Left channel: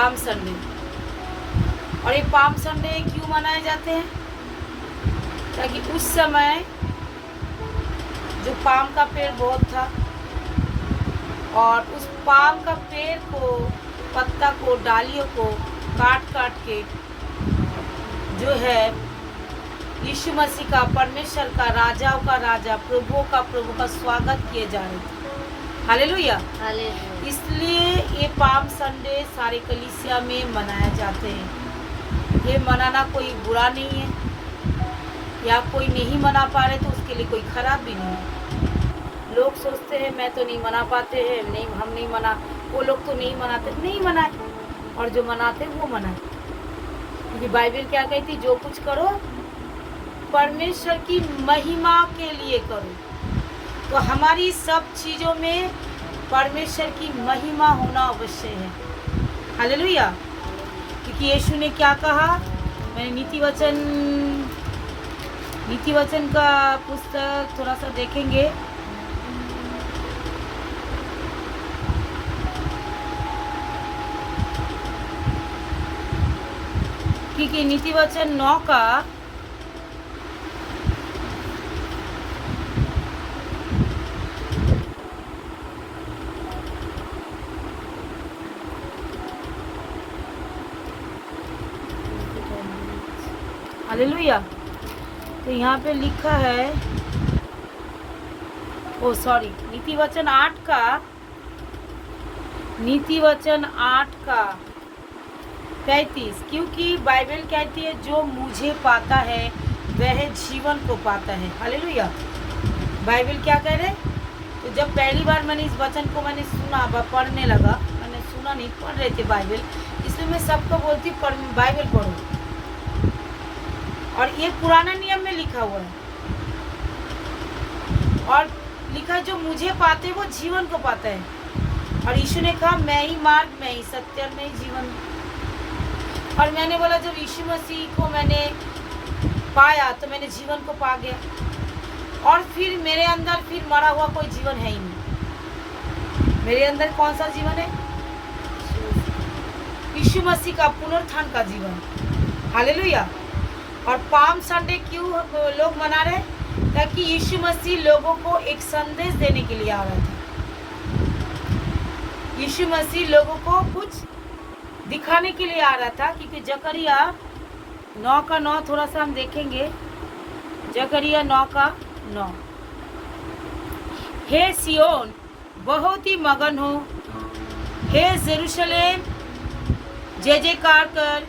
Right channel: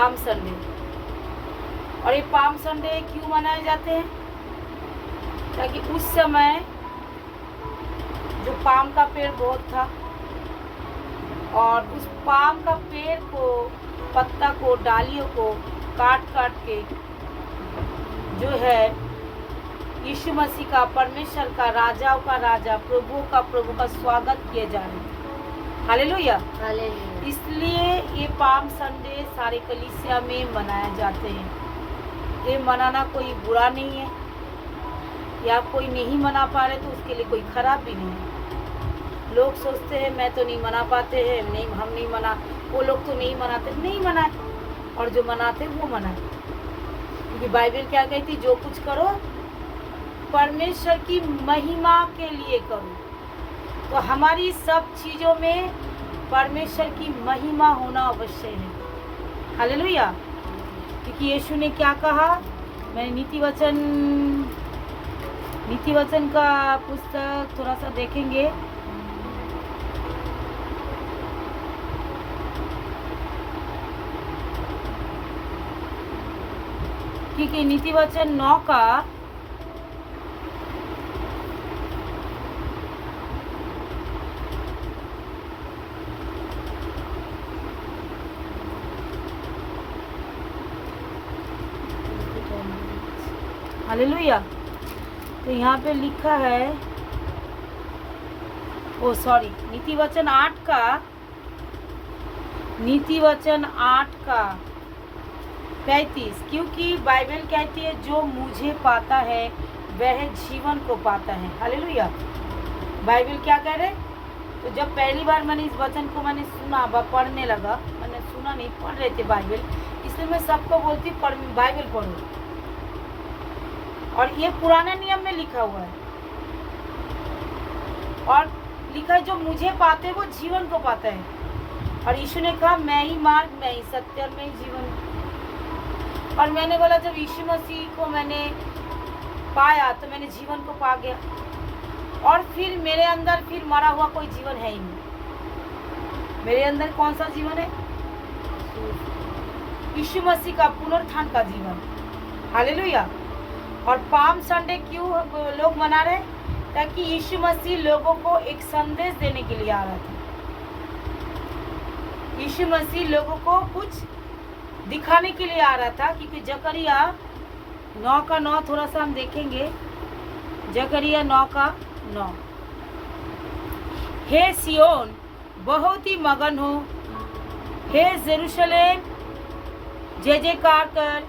Palm Sunday. और ये palm Sunday क्यों मनाए जाते हैं? ताकि उस समय जो पाम का पेड़ बहुत था और उस पाम का पेड़ को, पत्ता को, डालियों को काट काट के जो है यीशु मसीह का, परमेश्वर का, राजाओं का राजा, प्रभुओं का प्रभु का स्वागत किए जा रहे थे। हालेलुया। इसलिए ये पाम संडे सारे कलीसिया में मनाया जाते हैं। ये मनाना कोई बुरा नहीं है, या कोई नहीं मना पा रहे तो उसके लिए कोई खराब भी नहीं है। लोग सोचते हैं मैं तो नहीं मना पाते हैं, नहीं हम नहीं मना, वो लोग तो नहीं मनाते, नहीं मनाए, और जो मनाते वो मनाए। क्योंकि बाइबल क्या कहती, जो कुछ करो परमेश्वर की महिमा के लिए करो। तो हमारी सब चीज़ों में परमेश्वर की महिमा होना अवश्य है। हालेलुया। क्योंकि यीशु ने क्या कहा, मैंने नीति वचन का पुस्तक थोड़ा सा देखेंगे। क्योंकि नीति वचन 9 का हालेलुया। तो यहाँ पे लिखा है, ओ सॉरी, नीति वचन 8 का 35। क्योंकि बाइबल कहती है जो मुझे पाता है वह जीवन को पाता है। हालेलुया। बाइबल क्या कह रहे? तो जब पहली बार मैंने इस वचन को मैंने सुना, पढ़ने लगा, मैंने सुना नहीं, पढ़ रहे थे बाइबल, इसलिए मैं सबको बोलती बाइबल पढ़ो। और ये पुराना नियम में लिखा हुआ है, और लिखा है जो मुझे पाते वो जीवन को पाता है। और यीशु ने कहा मैं ही मार्ग, मैं ही सत्य, मैं ही जीवन। और मैंने बोला जब यीशु मसीह को मैंने पाया तो मैंने जीवन को पा गया, और फिर मेरे अंदर फिर मरा हुआ कोई जीवन है ही नहीं। मेरे अंदर कौन सा जीवन है? यीशु मसीह का पुनरुत्थान का जीवन। हालेलुया। और पाम संडे क्यों लोग मना रहे? ताकि यीशु मसीह लोगों को एक संदेश देने के लिए आ रहा था। यीशु मसीह लोगों को कुछ दिखाने के लिए आ रहा था। क्योंकि जकरिया 9 का 9 थोड़ा सा हम देखेंगे। जकरिया 9 का 9। हे सियोन बहुत ही मगन हो, हे यरूशलेम जय जयकार कर,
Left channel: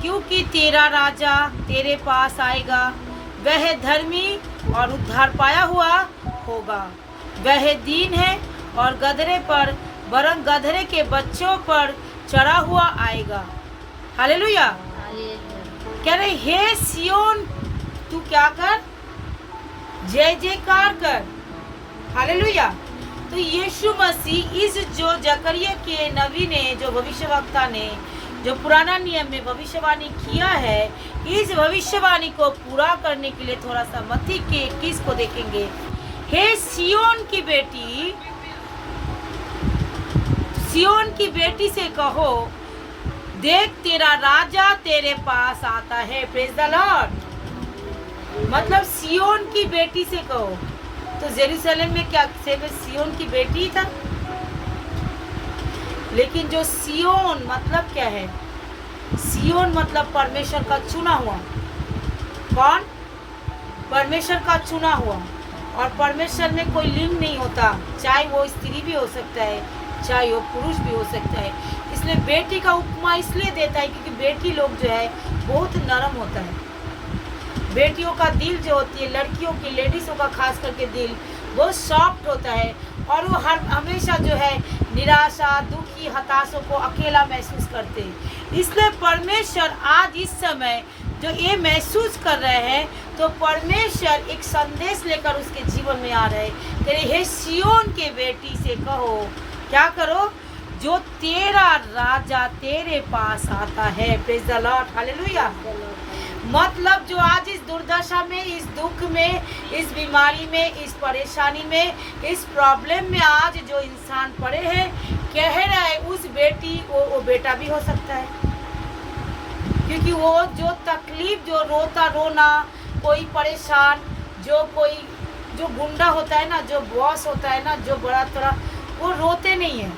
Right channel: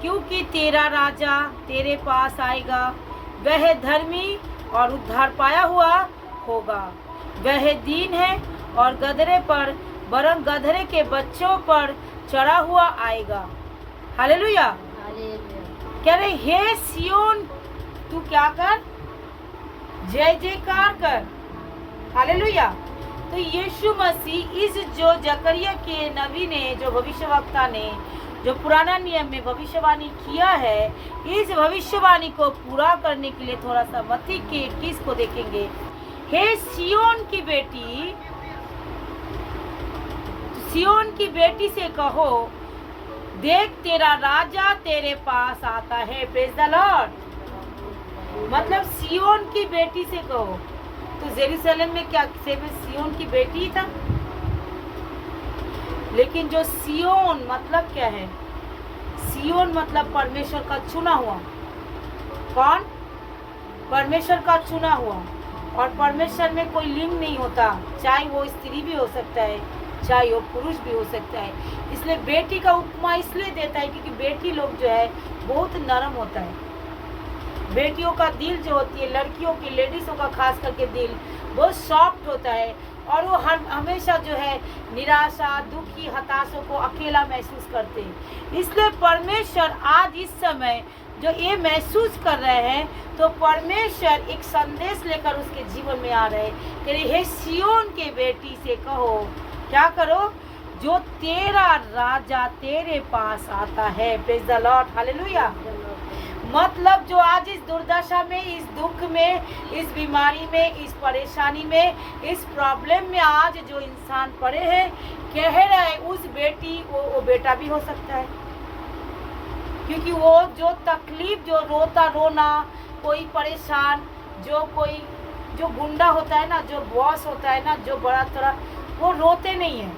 क्योंकि तेरा राजा तेरे पास आएगा। वह धर्मी और उद्धार पाया हुआ होगा। वह दीन है और गधरे पर, वरन गधरे के बच्चों पर चढ़ा हुआ आएगा। हालेलुया। कह रहे हे सियोन तू क्या कर, जय जयकार कर। हालेलुया। तो यीशु मसीह इस जो जकरिया के नबी ने, जो भविष्यवक्ता ने, जो पुराना नियम में भविष्यवाणी किया है, इस भविष्यवाणी को पूरा करने के लिए थोड़ा सा मत्ती के 21 को देखेंगे। हे सियोन की बेटी से कहो, देख तेरा राजा तेरे पास आता है। Praise the Lord. मतलब सियोन की बेटी से कहो। तो यरूशलेम में क्या सिर्फ सियोन की बेटी ही था? लेकिन जो सियोन मतलब क्या है? सियोन मतलब परमेश्वर का चुना हुआ। कौन? परमेश्वर का चुना हुआ। और परमेश्वर में कोई लिंग नहीं होता, चाहे वो स्त्री भी हो सकता है, चाहे वो पुरुष भी हो सकता है। इसलिए बेटी का उपमा इसलिए देता है क्योंकि बेटी लोग जो है बहुत नरम होता है। बेटियों का दिल जो होती है, लड़कियों की, लेडीज़ों का खास करके दिल बहुत सॉफ्ट होता है, और वो हमेशा जो है निराशा, दुखी, हताशों को अकेला महसूस करते हैं। इसलिए परमेश्वर आज इस समय जो ये महसूस कर रहे हैं, तो परमेश्वर एक संदेश लेकर उसके जीवन में आ रहे हैं। कह रहे हे सियोन के बेटी से कहो, क्या करो? जो तेरा राजा तेरे पास आता है। Praise the Lord. हालेलुया। मतलब जो आज इस दुर्दशा में, इस दुख में, इस बीमारी में, इस परेशानी में, इस प्रॉब्लम में आज जो इंसान पड़े हैं, कह रहा है उस बेटी वो बेटा भी हो सकता है। क्योंकि वो जो तकलीफ, जो रोना, कोई परेशान, जो गुंडा होता है ना, जो बॉस होता है ना, जो बड़ा तरह, वो रोते नहीं है,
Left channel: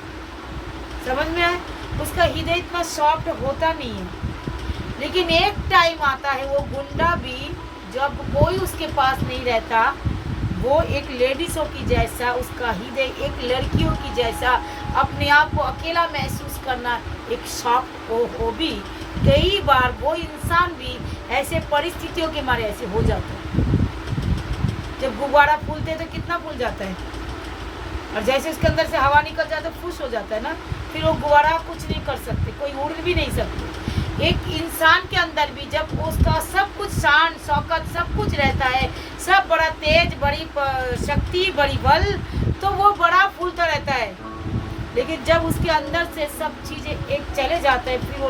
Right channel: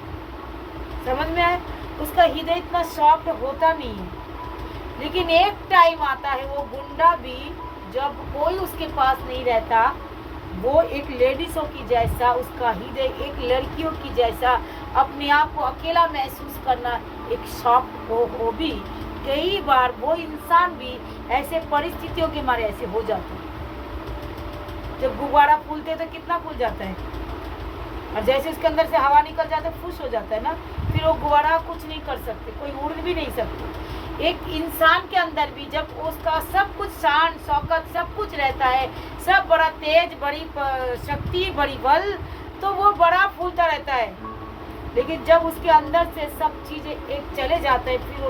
समझ में आए? उसका हृदय इतना सॉफ्ट होता नहीं है। लेकिन एक टाइम आता है वो गुंडा भी, जब कोई उसके पास नहीं रहता, वो एक लेडीज़ों की जैसा, उसका हृदय एक लड़कियों की जैसा अपने आप को अकेला महसूस करना एक सॉफ्ट हो भी कई बार वो इंसान भी ऐसे परिस्थितियों के मारे ऐसे हो जाता है। जब गुब्बारा फूलते तो कितना फूल जाता है, और जैसे उसके अंदर से हवा निकल जाता है फुस हो जाता है ना, फिर वो गुब्बारा कुछ नहीं कर सकते, कोई उड़ भी नहीं सकते। एक इंसान के अंदर भी जब उसका सब कुछ शान शौकत सब कुछ रहता है, सब बड़ा तेज, बड़ी शक्ति, बड़ी बल, तो वो बड़ा फूलता रहता है। लेकिन जब उसके अंदर से सब चीज़ें एक चले जाते हैं, फिर वो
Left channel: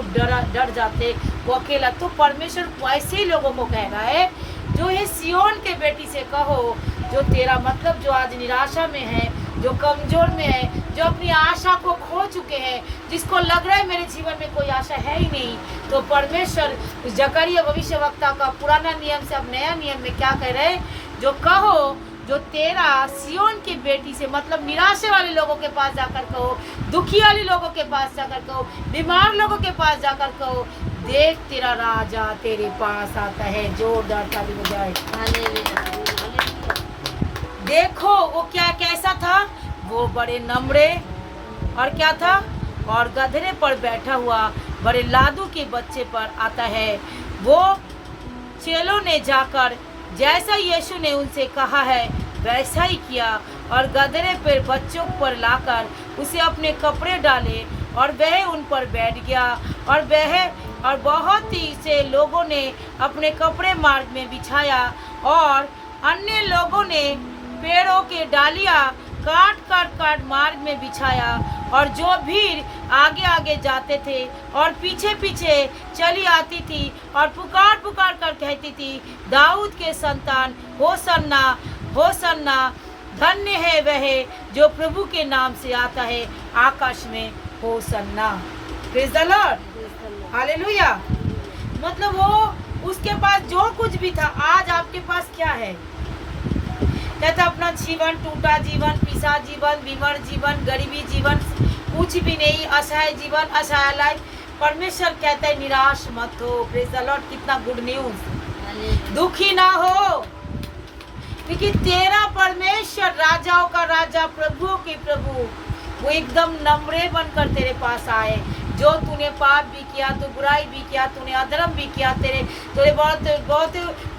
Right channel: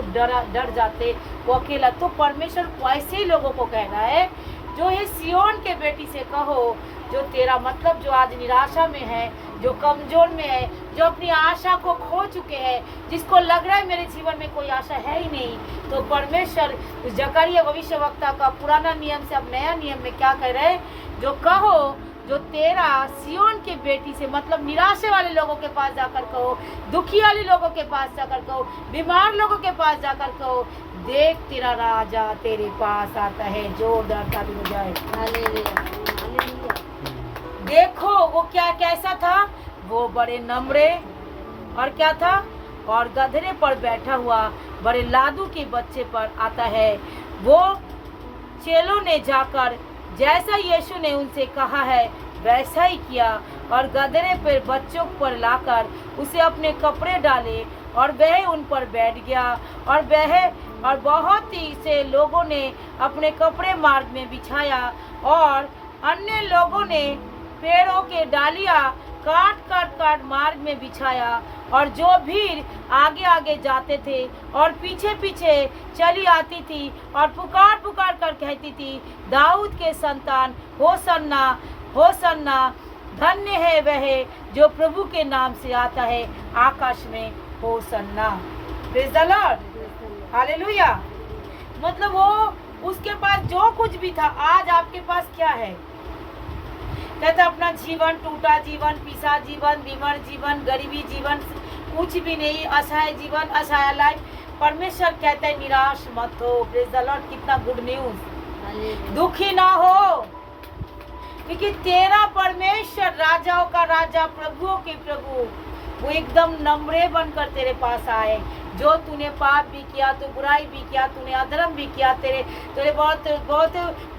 डर जाते, वो अकेला। तो परमेश्वर वैसे ही लोगों को कह रहा है, जो ये सियोन के बेटी से कहो, जो तेरा मतलब जो आज निराशा में है, जो कमजोर में है, जो अपनी आशा को खो चुके हैं, जिसको लग रहा है मेरे जीवन में कोई आशा है ही नहीं, तो परमेश्वर उस जकरिया भविष्यवक्ता का पुराना नियम से अब नया नियम में क्या कह रहे हैं, जो कहो, जो तेरा सियोन की बेटी से मतलब निराशे वाले लोगों के पास जाकर कहो, दुखी वाले लोगों के पास जाकर कहो, बीमार लोगों के पास जाकर कहो, देख तेरा राजा तेरे पास आता है। जोरदार ताली बजाए। देखो वो क्या कैसा था, वो बड़े नम्रे और क्या था, और गधरे पर बैठा हुआ बड़े लादू के बच्चे पर आता है। वो चेलों ने जाकर जैसा यीशु ने उनसे कहा है वैसा ही किया, और गधरे पर बच्चों पर लाकर उसे अपने कपड़े डाले, और वह उन पर बैठ गया। और बहुत ही से लोगों ने अपने कपड़े मार्ग में बिछाया, और अन्य लोगों ने पेड़ों के डालियां काट मार्ग में बिछाया। और जो भीड़ आगे आगे जाते थे और पीछे पीछे चली आती थी और पुकार कर कहती थी, दाऊद के संतान होसन्ना होसन्ना, धन्य है वह जो प्रभु के नाम से आता है, आकाश में Hosanna. Praise the Lord, hallelujah. मतलब वो उसके पास जो कुछ भी था, आज आपके पास क्या है? कहता अपना जीवन, टूटा जीवन, पिसा जीवन, बीमार जीवन, गरीबी जीवन, कुछ भी नहीं, असहाय जीवन, असहाय लाइफ। परमेश्वर कहता है निराश मत हो। प्रेज़ द लॉर्ड, कितना गुड न्यूज। दुखी ना हो, क्योंकि तेरा परमेश्वर राजाओं का राजा, प्रभुओं के प्रभु, वो एकदम नम्रे बनकर तेरे पास आए। जो तूने पाप भी किया, तो बुराई भी किया, तूने अधर्म भी किया, तेरे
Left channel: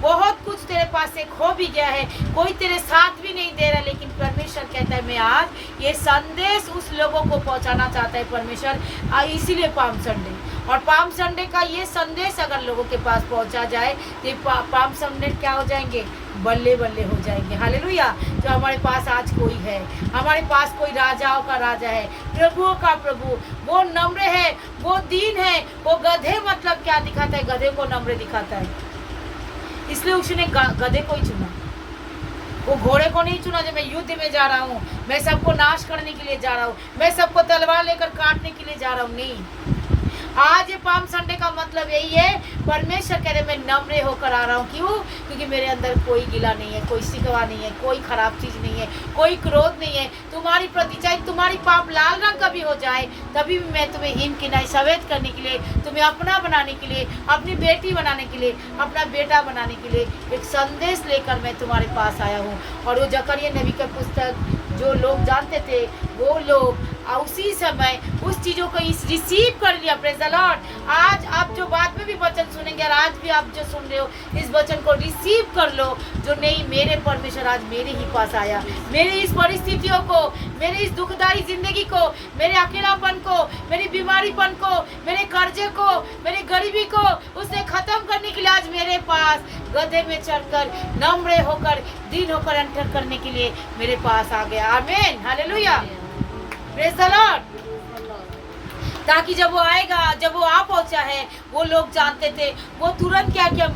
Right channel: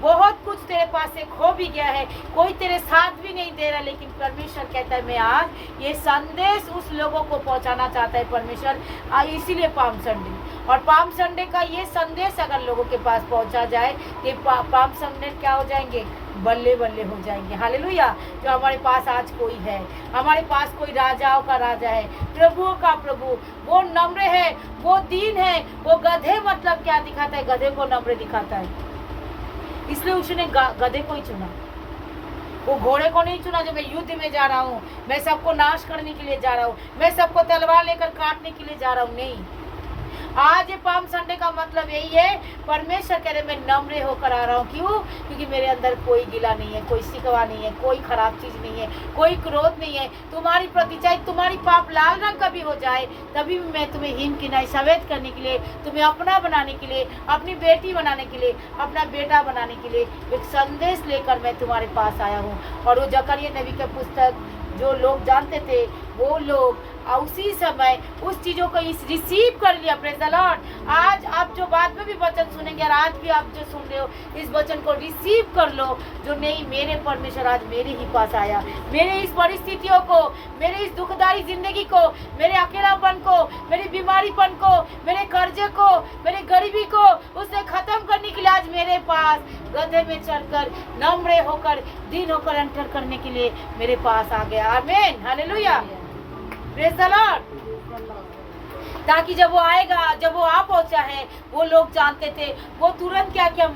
बहुत कुछ तेरे पास से खो भी गया है, कोई तेरे साथ भी नहीं दे रहा, लेकिन परमेश्वर कहता है मैं आज ये संदेश उस लोगों को पहुंचाना चाहता है परमेश्वर। इसीलिए पाम संडे, और पाम संडे का ये संदेश अगर लोगों के पास पहुंचा जाए तो पाम संडे क्या हो जाएंगे? बल्ले बल्ले हो जाएंगे। हालेलुया। जो हमारे पास आज कोई है, हमारे पास कोई राजाओं का राजा है, प्रभुओं का प्रभु, वो नम्र है, वो दीन है। वो गधे मतलब क्या दिखाता है? गधे को नम्र दिखाता है, इसलिए उसने गधे को ही चुना। वो घोड़े को नहीं चुना जो मैं युद्ध में जा रहा हूँ, मैं सबको नाश करने के लिए जा रहा हूँ, मैं सबको तलवार लेकर काटने के लिए जा रहा हूँ। नहीं, आज पाम संडे का मतलब यही है, परमेश्वर कह रहे मैं नम्र होकर आ रहा हूँ। क्यों? क्योंकि मेरे अंदर कोई गिला नहीं है, कोई शिकवा नहीं है, कोई खराब चीज़ नहीं है, कोई क्रोध नहीं है। तुम्हारी प्रति चाहे तुम्हारी पाप लाल रंग का भी हो जाए, तभी भी मैं तुम्हें हिम की नहीं सफेद करने के लिए, तुम्हें अपना बनाने के लिए, अपनी बेटी बनाने के लिए, अपना बेटा बनाने के लिए एक संदेश लेकर मैं तुम्हारे पास आया हूँ। और वो जकरिया नबी का पुस्तक जो लोग जानते थे, वो लोग उसी समय उस चीज़ों को रिसीव कर लिया। Praise the Lord. आज आप जो बाद में भी वचन सुनेंगे, और आज भी आप जो सुन रहे हो, इस वचन को रिसीव कर लो, जो नहीं, मेरे परमेश्वर आज मेरे ही पास आया, मेरे इस परिस्थितियों को, मेरे इस दुखदाई जिंदगी को, मेरे अकेलापन को, मेरी बीमारीपन को, मेरे कर्जे को, मेरे गरीबी को उसने खत्म करने के लिए आज मेरे पास गधे में चढ़कर नम्र होकर दीन होकर एंटर करने के लिए मेरे पास आ गया। आमीन, हालेलुया, प्रेज़ द लॉर्ड। ताकि जब वो आएगा, जब वो आ पहुंचा है, वो लोग जानते थे, वो तुरंत क्या किया,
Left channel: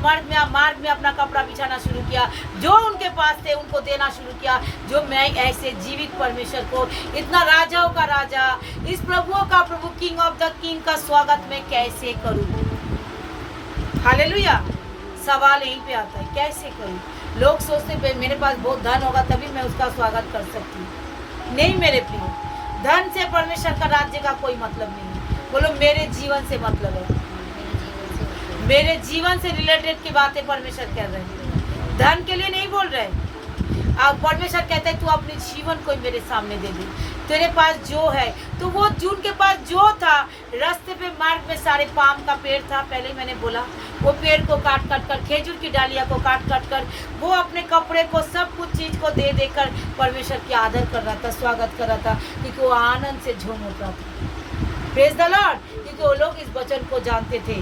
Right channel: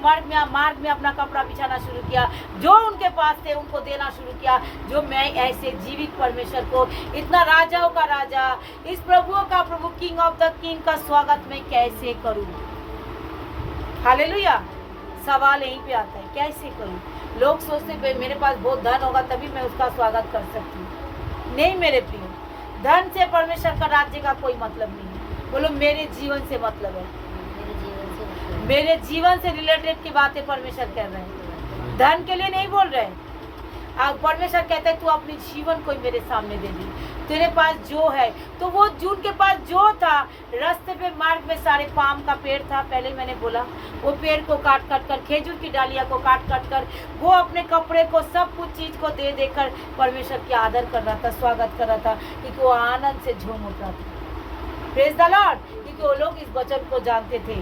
मार्ग में अपना कपड़ा बिछाना शुरू किया, जो उनके पास थे उनको देना शुरू किया। जो मैं ऐसे जीवित परमेश्वर को, इतना राजाओं का राजा, इस प्रभुओं का प्रभु, किंग ऑफ द किंग का स्वागत मैं कैसे करूं? हालेलुया। सवाल यहीं पे आता है, कैसे करूं? लोग सोचते मेरे पास बहुत धन होगा तभी मैं उसका स्वागत कर सकती हूँ। नहीं मेरे प्रिय, धन से परमेश्वर का राज्य का कोई मतलब नहीं है। बोलो मेरे जीवन से मतलब है। मेरे जीवन से रिलेटेड की बातें परमेश्वर कर रहे हैं, धन के लिए नहीं बोल रहे। अब परमेश्वर कहता है तू अपने जीवन को मेरे सामने दे दी। तेरे पास जो है, तो वो जून के पास जो था, रास्ते पे मार्ग में सारे पाम का पेड़ था, पहले ही मैंने बोला, वो पेड़ को काट काट कर, खेजूर की डालियां को काट काट कर, वो अपने कपड़े को, सब कुछ चीज को दे देकर परमेश्वर की आदर कर रहा था, स्वागत कर रहा था, क्योंकि वो आनंद से झूम उठ रहा था। Praise the Lord. क्योंकि वो लोग इस वचन को जानते थे।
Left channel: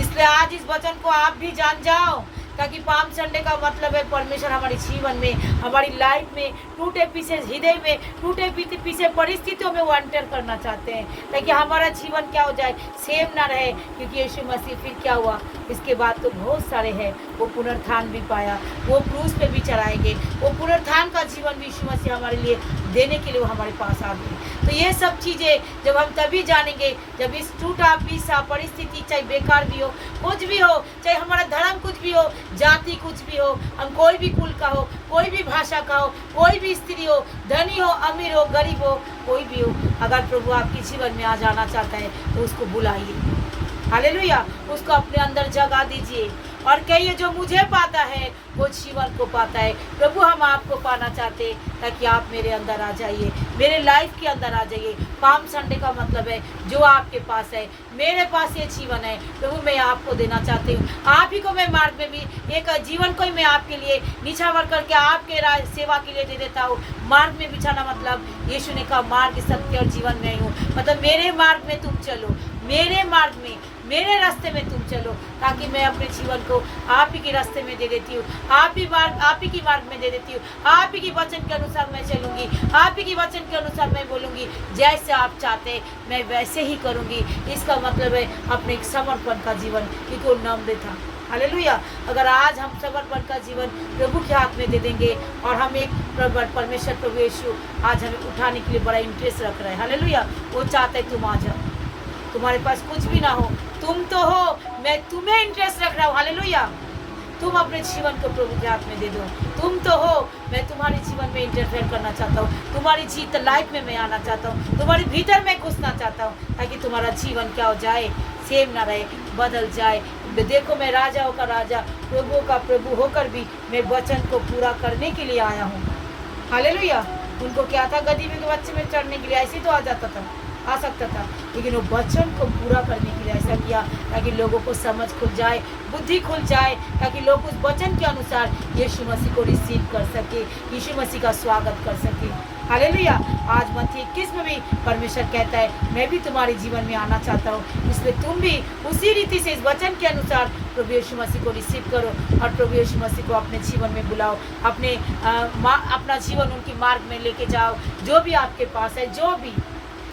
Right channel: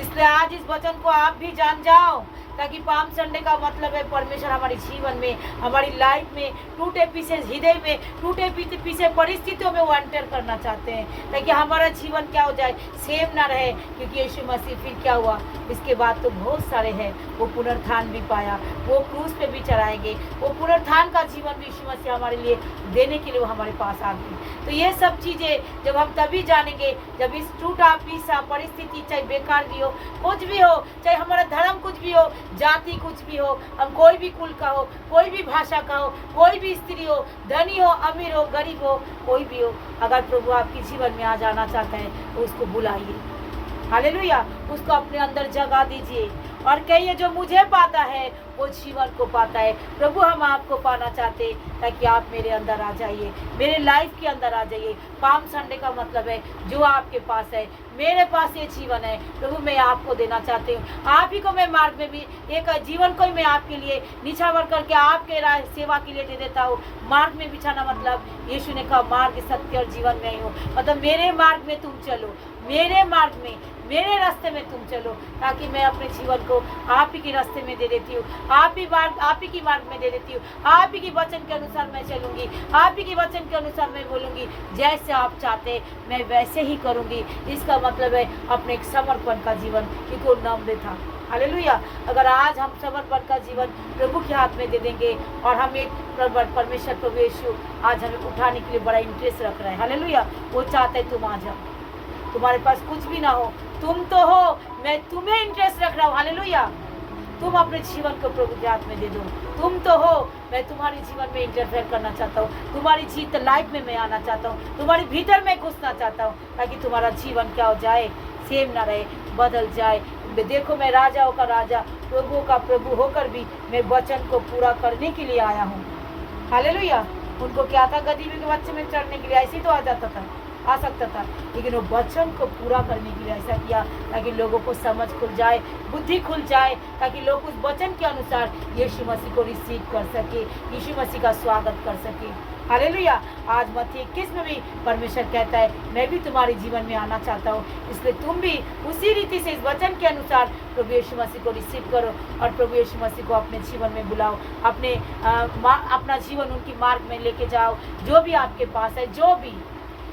इसलिए आज इस वचन को आप भी जान जाओ, ताकि पाम संडे का मतलब है परमेश्वर हमारे जीवन में, हमारी लाइफ में, टूटे पीछे हृदय में, टूटे पीछे परिस्थितियों में वो एंटर करना चाहते हैं, ताकि हमारा जीवन क्या हो जाए, सेम ना रहे। क्योंकि यीशु मसीह फिर क्या हुआ, इसके बाद तो बहुत सारे हैं, वो पुनरुत्थान भी पाया, वो क्रूस पे भी चढ़ाएंगे, वो पुनरुत्थान का जीवन भी यीशु मसीह हमारे लिए देने के लिए वो हमारे पास आ गए। तो ये सब चीज़ें जब हम तभी जानेंगे, जब इस टूटा पीसा परिस्थिति, चाहे बेकार भी हो, कुछ भी हो, चाहे हमारा धर्म कुछ भी हो, जाति कुछ भी हो, हम कोई भी कुल का हो, कोई भी भाषा का हो, कोई भी स्त्री हो, धनी हो, अमीर हो, गरीब हो, कोई भी हो, अगर प्रभु आपके जीवन में आ जाना चाहता है तो उसको बुलाइए। हालेलुया। उसको अपने अंदर जगा दीजिए और कहिए जो मुझे पाता है वो जीवन को पाता है। प्रभु हम आपको पाना चाहते हैं, ताकि आप मेरे अंदर आ जाइए, मेरे लाइफ के अंदर आ जाइए। पाम संडे का मतलब है जो आपके पास है, मेरे पास ये जीवन है, प्रभु मैं आपको देना चाहती हूँ। आप ही को मैं मार्ग में भी, एक जीवन को ही मैं आपके लिए निछावर करके आपके सेवा के लिए दे देता हूँ। मार्ग में बिछाना मतलब यीशु ने कहा मार्ग, सत्य और जीवन में ही हूँ, मतलब मेरे मार्ग में तुम चलो, मेरे मार्ग में, मेरे रास्ते में तुम चलो, ताकि मैं अपने जीवन को आप ही के रास्ते में दे देती हूँ, आप ही की मार्ग में दे देती हूँ। आप ही की वचन के अनुसार मैं चलूंगी, आप ही की वचन के अनुसार मैं बोलूंगी, जैसे आप चाहते मैं वैसे ही करूंगी। इसका मतलब है अपने एक समर्पण का जीवन, क्योंकि वो नम्र था। हालेलुया। अगर आज हम समर्पण का जीवन प्रभु के हाथ में दे देंगे, और हम एक परमेश्वर प्रभु यीशु आज हमें उठाने के लिए बड़ा इंटरेस्ट रख रहा है। हालेलुया। वो चाहता है तुम आ जाओ, तुम्हारे पास कुछ भी ना हो, तुम तो हो, मैं तुम्हें इंटरेस्ट रख रहा हूँ। हालेलुया। तुम अपने जीवन को प्रभु के हाथ में दे दो। तुम तो हो, मैं तुम्हारे जीवन में इंटरफेयर करना चाहता हूँ, तुम्हारी जीत लाइफ में मैं आना चाहता हूँ, तुम्हारे भीतर में घुसना चाहता हूँ, ताकि तुम्हारा जीवन क्या हो जाए, सेम ना रहे, बदल जाए। देखो मैं राजाओं का राजा, प्रभुओं का प्रभु होकर भी मैं वचन को पूरा करने के लिए आया हूँ। हालेलुया। उनको क्या था, गदही के बच्चे में चढ़ने के लिए ऐसे तो आ जाता था, आ सकता था, लेकिन वो वचन को पूरा करने के लिए ऐसा किया, ताकि लोगों को समझ खुल जाए, बुद्धि खुल जाए, ताकि लोग उस वचन के अनुसार यीशु मसीह को रिसीव कर सके, यीशु मसीह का स्वागत कर सके। हालेलुया। आज मत्ती 21 में भी परमेश्वर कहता है मैं भी तुम्हारे जीवन में आना चाहता हूँ, इसलिए तुम भी उसी रीति से इस वचन के अनुसार प्रभु यीशु मसीह को रिसीव करो, और प्रभु यीशु मसीह को अपने जीवन में बुलाओ, अपना जीवन उनकी मार्ग में लेके जाओ। जो भी आपके पास है, जो भी,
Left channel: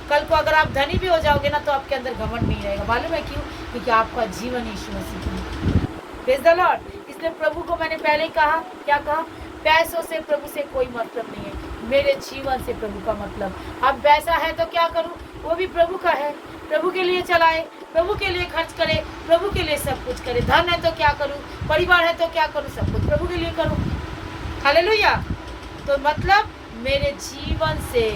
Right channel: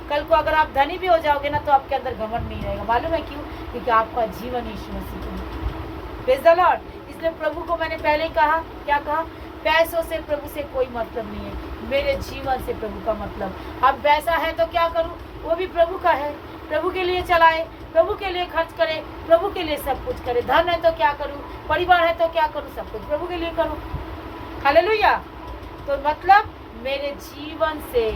कल को अगर आप धनी भी हो जाओगे ना, तो आपके अंदर घमंड नहीं रहेगा। मालूम है क्यों? क्योंकि आपका जीवन यीशु मसीह को। Praise the Lord. इसलिए प्रभु को मैंने पहले ही कहा, क्या कहा, पैसों से प्रभु से कोई मतलब नहीं है, मेरे जीवन से प्रभु का मतलब। अब पैसा है तो क्या करूं, वो भी प्रभु का है, प्रभु के लिए चलाए, प्रभु के लिए खर्च करे, प्रभु के लिए सब कुछ करे। धन है तो क्या करूं, परिवार है तो क्या करूं, सब कुछ प्रभु के लिए करूं। हालेलुया। तो मतलब मेरे जीवन से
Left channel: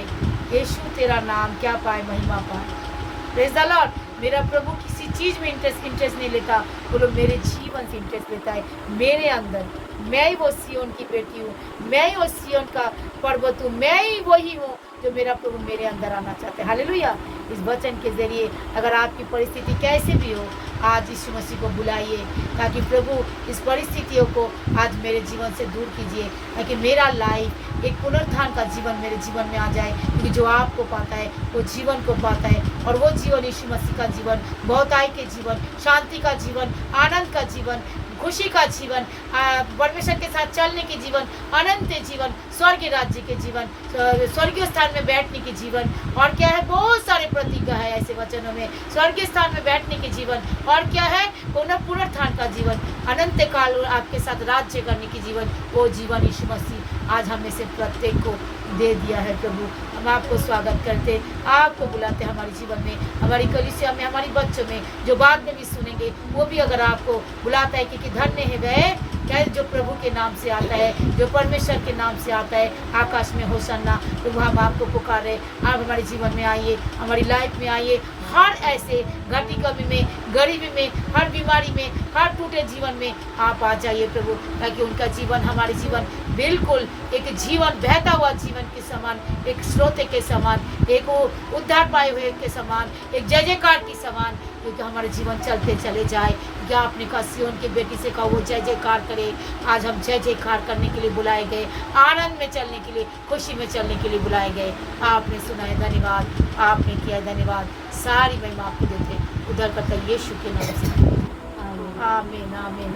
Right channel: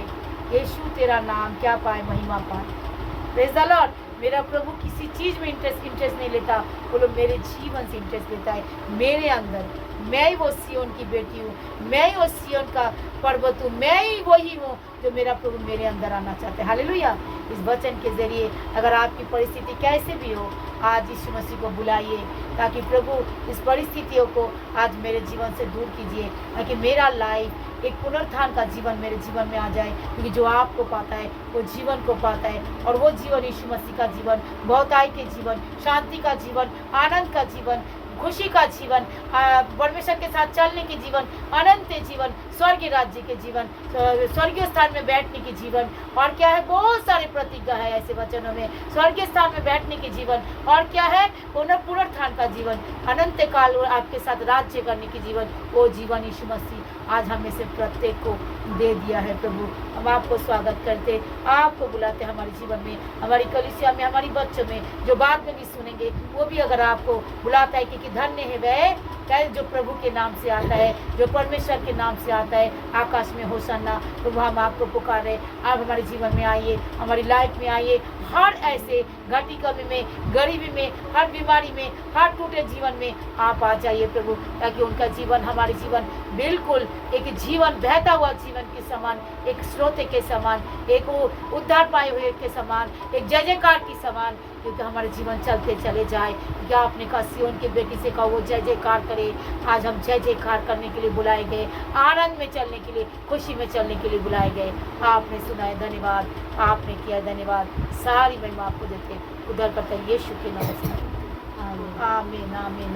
यीशु तेरा नाम क्या पाए, महिमा पाए। Praise the Lord. मेरा प्रभु किसी चीज़ में इंटरेस्ट नहीं लेता, बोलो मेरे जीवन से इंटरेस्ट लेता है, मेरे अंदर। मैं ही वो सियोन की बेटी हूँ, मैं ही वो सियोन का पर्वत हूँ, मैं ही वही हूँ जो मेरा प्रभु मेरे अंदर आना चाहते हैं। हालेलुया। इस वचन के जरिए अगर आपकी परिस्थिति कैसे भी हो, आज यीशु मसीह को बुलाइए, ताकि प्रभु इस परिस्थितियों को आज मेरे जीवन से दूर कीजिए, ताकि मेरा लाइफ एक पुनरुत्थान का जीवन मेरे जीवन में आ जाए। क्योंकि जो आपको पाता है वो जीवन को पाता है, और वो जीवन यीशु मसीह का जीवन, बहुताई के जीवन, शांति का जीवन, आनंद का जीवन, खुशी का जीवन, परमेश्वर के साथ चलने के जीवन, अनंत जीवन, स्वर्गीय राज्य के जीवन, स्वर्गीय स्थान में बैठने के जीवन, और क्या है, बहुत सारे प्रतिज्ञा है ऐसे वचनों में। स्वर्गीय स्थान में बैठने के जीवन, और क्या है, पुनरुत्थान का जीवन, अनंत काल आपके साथ राज्य करने की जीवन, वो जीवन यीशु मसीह आज हमें से प्रत्येक को दे दिया है। प्रभु, हम आपको स्वागत करते, आपको बुलाते हमारे जीवन में, हमारी कलीसिया में, हमारी बच्चों में, जो बाद में भी सुनेंगे वो भी अगर आपको बुलाता है, क्योंकि धन्य है वह क्या जो प्रभु के नाम से आता है, जो परमेश्वर के नाम से आता है, आकाश में होसन्ना। प्रभु, हम आपको पुकारे, आप हमारे जीवन में आइए, हमारी लाइफ में आइए, हर ऐसे घटी कमी में, गरीबी में, हर बीमारी में, हर टूटे जीवन में आप आ जाइए प्रभु, ताकि उनका जीवन, हमारे जीवन बिल्कुल एक जीवन, बहता हुआ जीवन के समान, एक स्रोत के समान, एक उद्धार पाए हुए के समान, एक जय जयकार की समान, क्योंकि हमारे जीवन चलते चले जाए। क्या आपने कहा, सिय्योन की बेटी से कहा वो जय जयकार करे। आज हम जय जयकार करने के लिए बुलाए गए, आनंद में चलने के लिए, खुशी में चलने के लिए बुलाए गए। आपने सुना है, धन्यवाद, आपने किया है, धन्यवाद। सारी महिमा आपको देते, उधर करता यीशु के नाम से, आमीन आमीन।